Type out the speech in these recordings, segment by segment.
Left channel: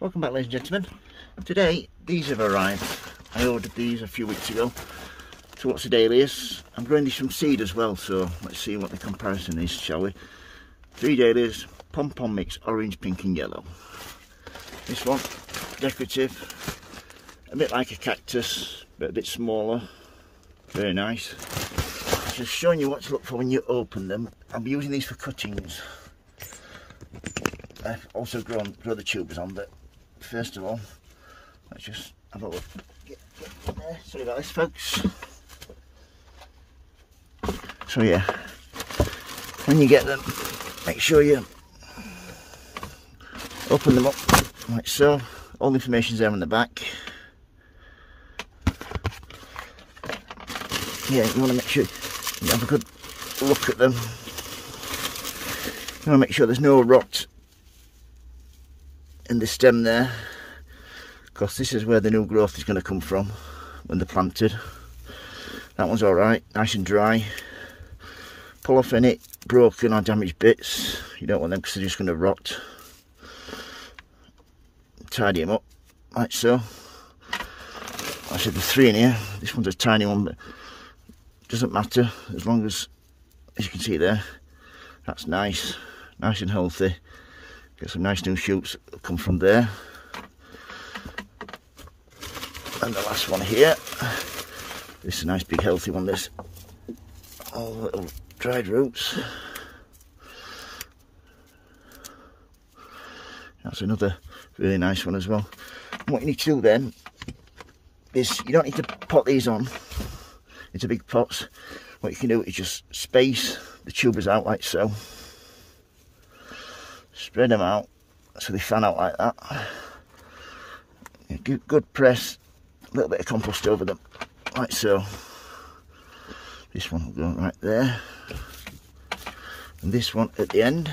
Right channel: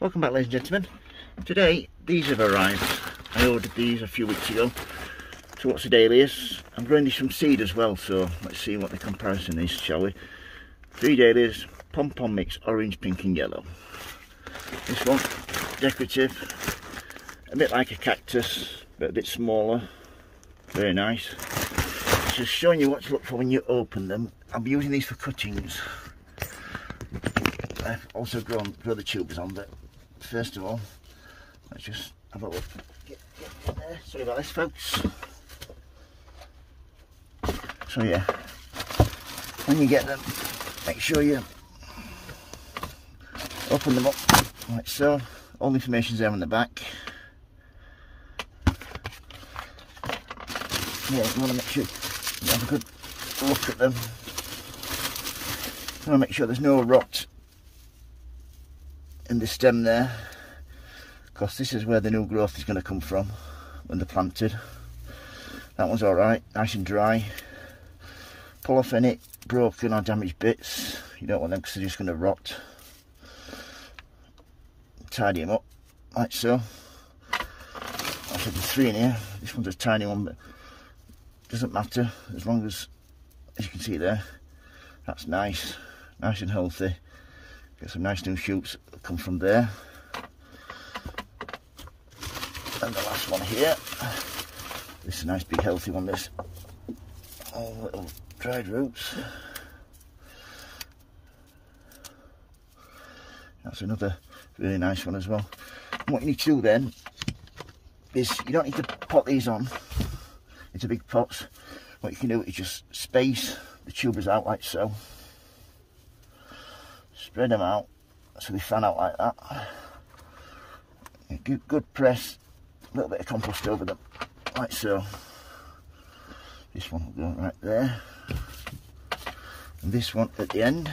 Welcome back, ladies and gentlemen. Today these have arrived. I ordered these a few weeks ago. So what's the Dahlias? I'm growing these from seed as well, so let's see what the comparison is, shall we? 3 Dahlias, pom-pom mix, orange, pink and yellow. This one, decorative, a bit like a cactus, but a bit smaller. Very nice. Just showing you what to look for when you open them. I'll be using these for cuttings. I've also grow the tubers on, but first of all, let's just have a look. Sorry about this, folks. So yeah, when you get them, make sure you open them up like so. All the information's there on the back. Yeah, you want to make sure you have a good look at them. You want to make sure there's no rot in the stem there, because this is where the new growth is going to come from when they're planted. That one's alright, nice and dry. Pull off any broken or damaged bits. You don't want them because they're just going to rot. Tidy them up like so. I said there's 3 in here. This one's a tiny one, but it doesn't matter as long as you can see there, that's nice and healthy. Get some nice new shoots that come from there. And the last one here, this is a nice big healthy one, this. All little dried roots. That's another really nice one as well. And what you need to do then is, you don't need to pot these on into big pots. What you can do is just space the tubers out like so. Spread them out so they fan out like that. Good press, a little bit of compost over them like so. This one will go right there, and this one at the end,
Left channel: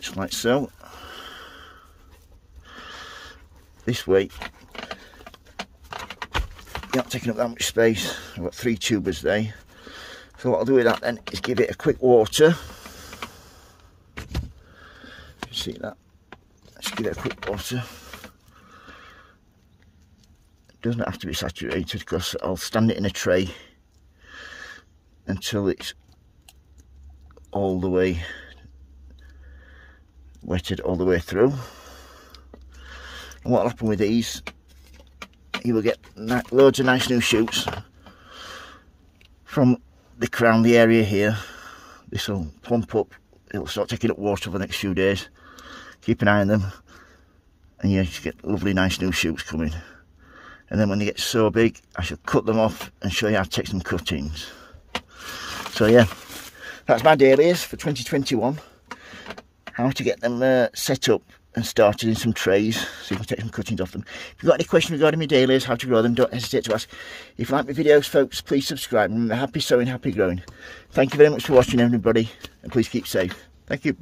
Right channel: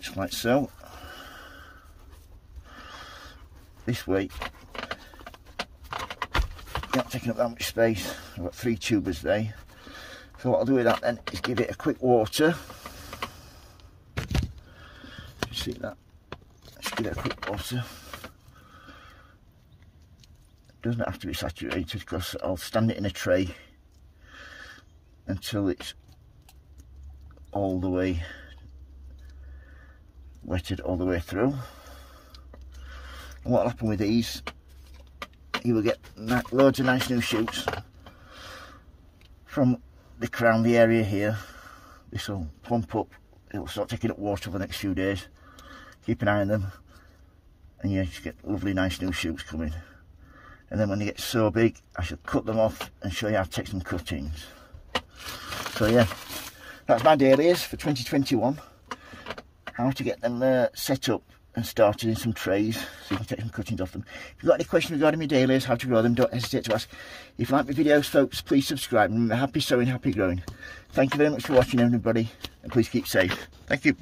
just like so. This way you're not taking up that much space. I've got 3 tubers there. So what I'll do with that then is give it a quick water. See that? Just give it a quick water. It doesn't have to be saturated, because I'll stand it in a tray until it's all the way wetted all the way through. And what will happen with these, you will get loads of nice new shoots from the crown, the area here. This will plump up, it'll start taking up water over the next few days. Keep an eye on them, and you just get lovely nice new shoots coming. And then when they get so big, I shall cut them off and show you how to take some cuttings. So yeah, that's my Dahlias for 2021. How to get them set up and started in some trays so you can take some cuttings off them. If you've got any questions regarding my Dahlias, how to grow them, don't hesitate to ask. If you like my videos, folks, please subscribe. Remember, happy sowing, happy growing. Thank you very much for watching, everybody, and please keep safe. Thank you. Bye.